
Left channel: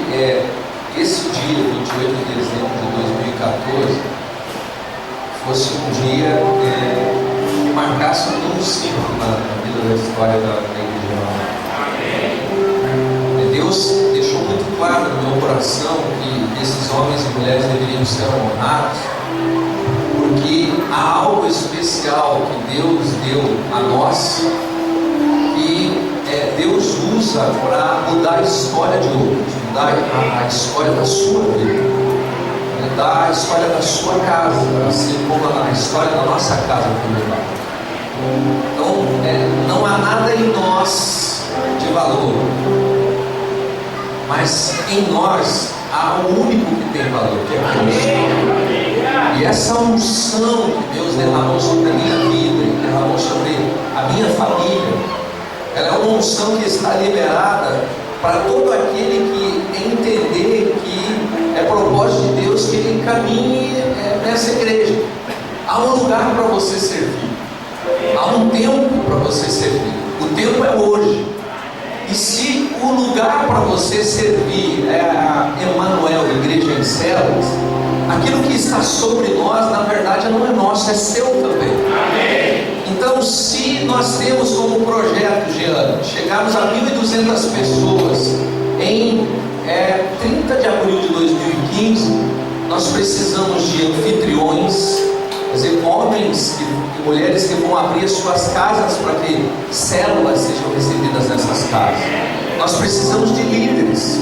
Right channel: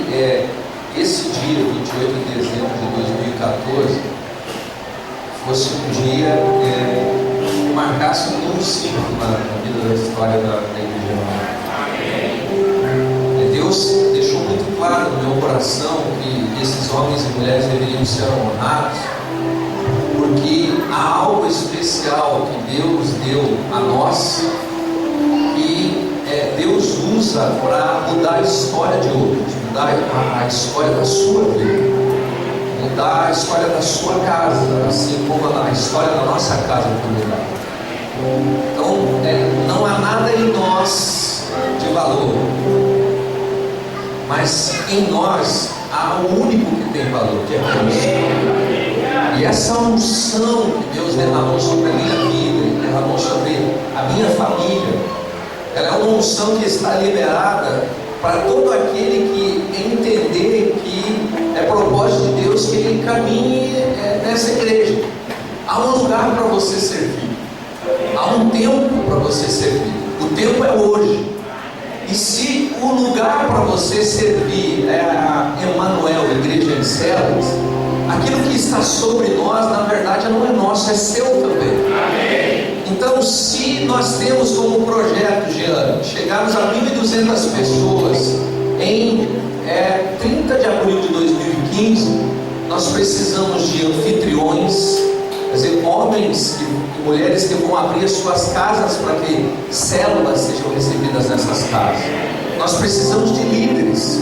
esse dia, 28 de dezembro de 2014, fosse um dia que marcasse um novo ciclo na vida da história da igreja. Deus deixou muito claro no meu coração que esses homens e mulheres deveriam ser honrados, porque há algo especial que Deus deu a nós, que Deus usa para mudar a história de outros, mudar a história da sua vida, mudar a história da sua casa, assim como a história da nossa casa foi mudada. Então, não há nada em nós de valor, mas em nós há o único que tem valor, que é Cristo. E essa unção que Deus derramou sobre a minha vida, e derramou sobre a minha família, ela é uma unção que está liberada para todo aquele que entender que é propósito de Deus que ele caminhe nessa igreja. Há um lugar para você servir, há um tempo para você servir. O tempo é hoje. E se o lugar para você servir é a Emanuel, Igreja em Células, aquilo que está sobre nós, na verdade, não é nosso, é seu também. Amém. Então, se nós temos como projeto, Jean, chegarmos a 1.200 pessoas em 30 de abril de 2015, nós precisamos de anfitriões, quer dizer, homens e mulheres que vão abrir as suas casas para que células sejam recebidas nessas casas. Nós precisamos de líderes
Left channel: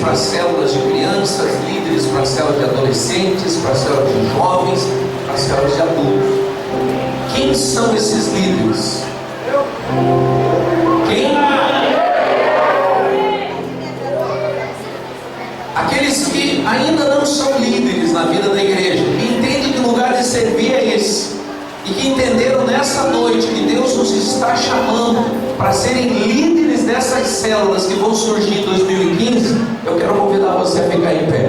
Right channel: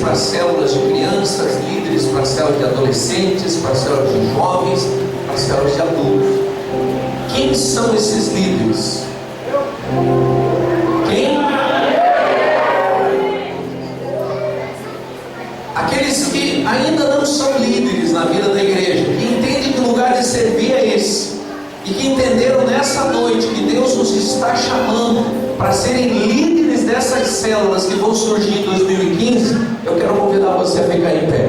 para células de crianças, líderes para células de adolescentes, para células de jovens, para células de adultos. Quem são esses líderes? Quem? Aqueles que ainda não são líderes na vida da igreja, que entendem que o lugar de servir é esse, e que entenderam nessa noite que Deus nos está chamando para serem líderes dessas células que vão surgir em 2015. Eu quero convidar você a ficar em pé.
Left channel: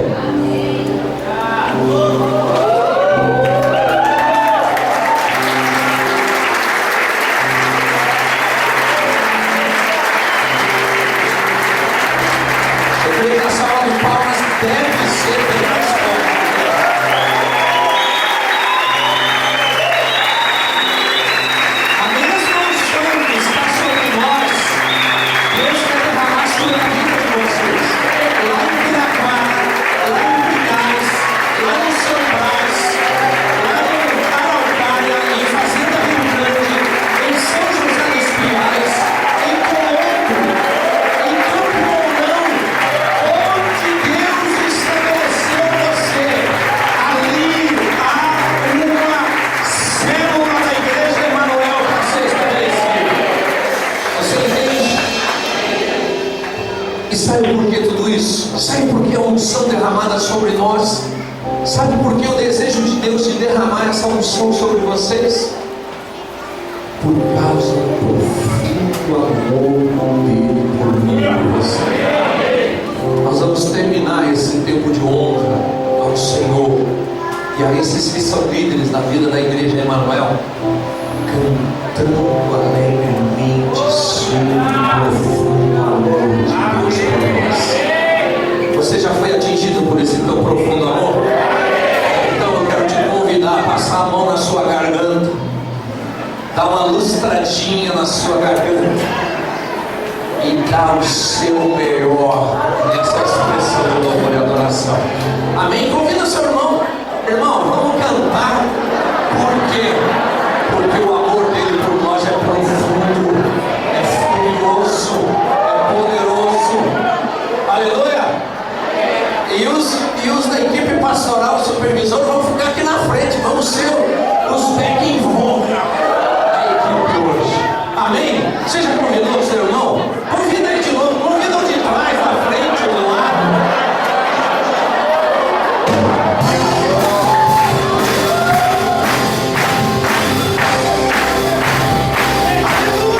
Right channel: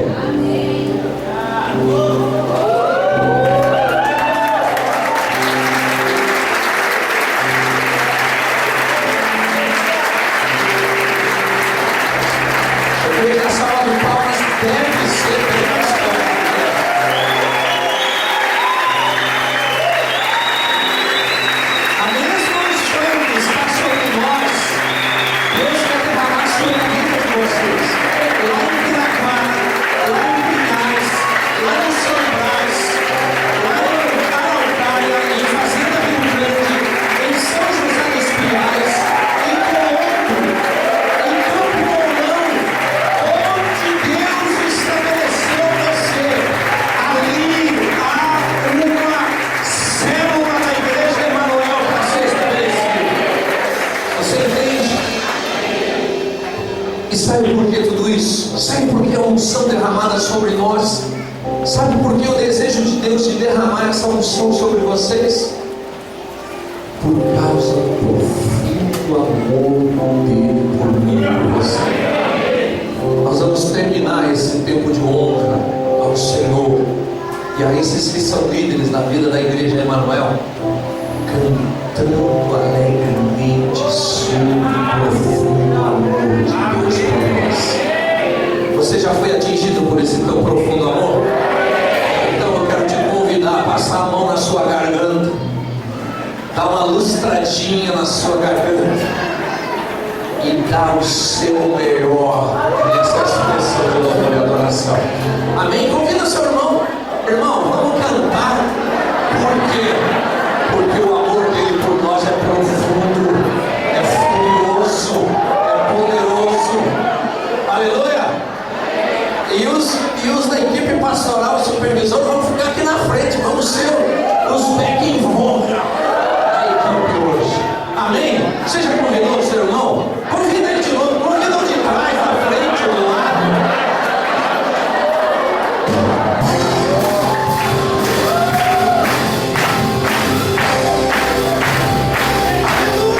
Eu creio que a salva de palmas deve ser bem mais forte. A mesma unção que está sobre nós, Deus quer derramar sobre a vida de vocês. Lá em Piraquara, lá em Pinhais, lá em São Brás, lá em Araucária, em Fazenda Rio Grande, em São José dos Pinhais, em Colombo, em Campo Mourão, onde Deus estabeleceu você, ali há uma célula da Igreja Emanuel para ser estabelecida. Você entende? E sabe por que tudo isso? Sabe por que a unção derramada sobre nós? Sabe por que o desejo de Deus de derramar essa unção sobre vocês? Por causa do profundo amor dele por mim e por você. Nós vamos terminar esse tempo de honra ao Senhor e a esses que são líderes na vida da Igreja Emanuel, cantando alegremente sobre o profundo amor de Deus por nós. Você já foi atingido por esse tão profundo amor? Então eu quero te convidar a passar a mão na sua garganta, dar uma lustradinha na sua garganta e dar o seu melhor nessa expressão de louvor e adoração. Amém? Convida seu irmão. Irmão, vamos cantar. Por quê? Porque o amor dele por nós é profundo, é furioso, é poderoso. Aleluia! E os da equipe pastoral, o supervisor, vão ficar aqui na frente. Vamos ser os back involved da equipe hoje. Amém? Você já convidou o seu irmão? Convida ele de novo. Convida o de trás, da frente, do lado. Aleluia!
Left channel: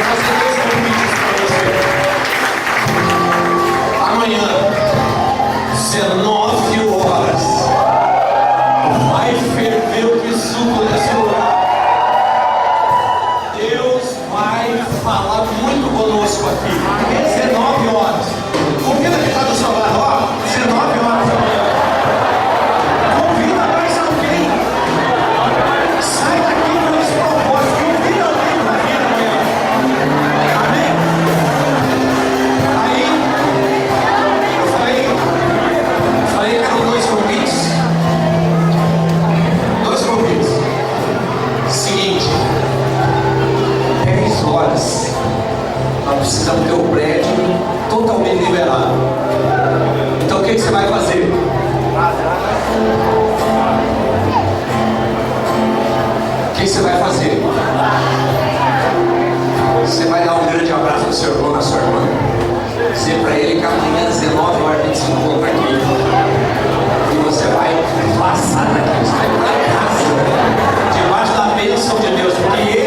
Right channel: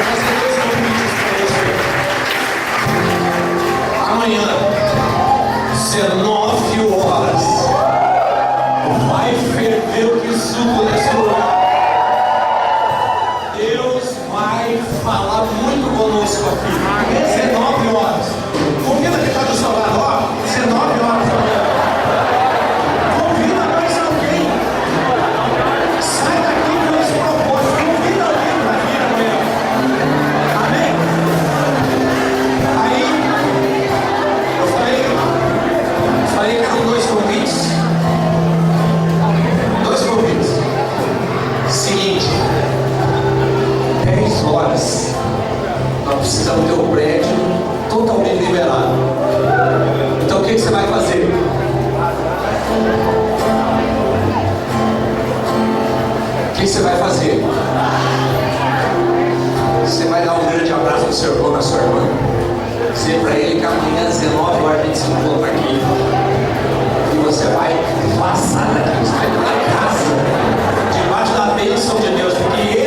quero fazer 2 convites para você. Amanhã, 19 horas, vai ferver o que suco nesse lugar. Deus vai falar muito conosco aqui. 19 horas. Convida quem está do seu lado, ó. 19 horas amanhã. Convida mais alguém. Sai daqui com esse propósito. Convida alguém para vir amanhã. Amém? Aí, eu falei que eram 2 convites. 2 convites. Seguinte. 10 horas. Nós precisamos ter o prédio totalmente liberado. Então o que você vai fazer? O que você vai fazer? Você vai dar um grande abraço no seu irmão, na sua irmã. Dizer para ele que amanhã às 19 horas a gente se encontra aqui. E você vai passar daqui, você vai para casa, debaixo da bênção de Deus, porque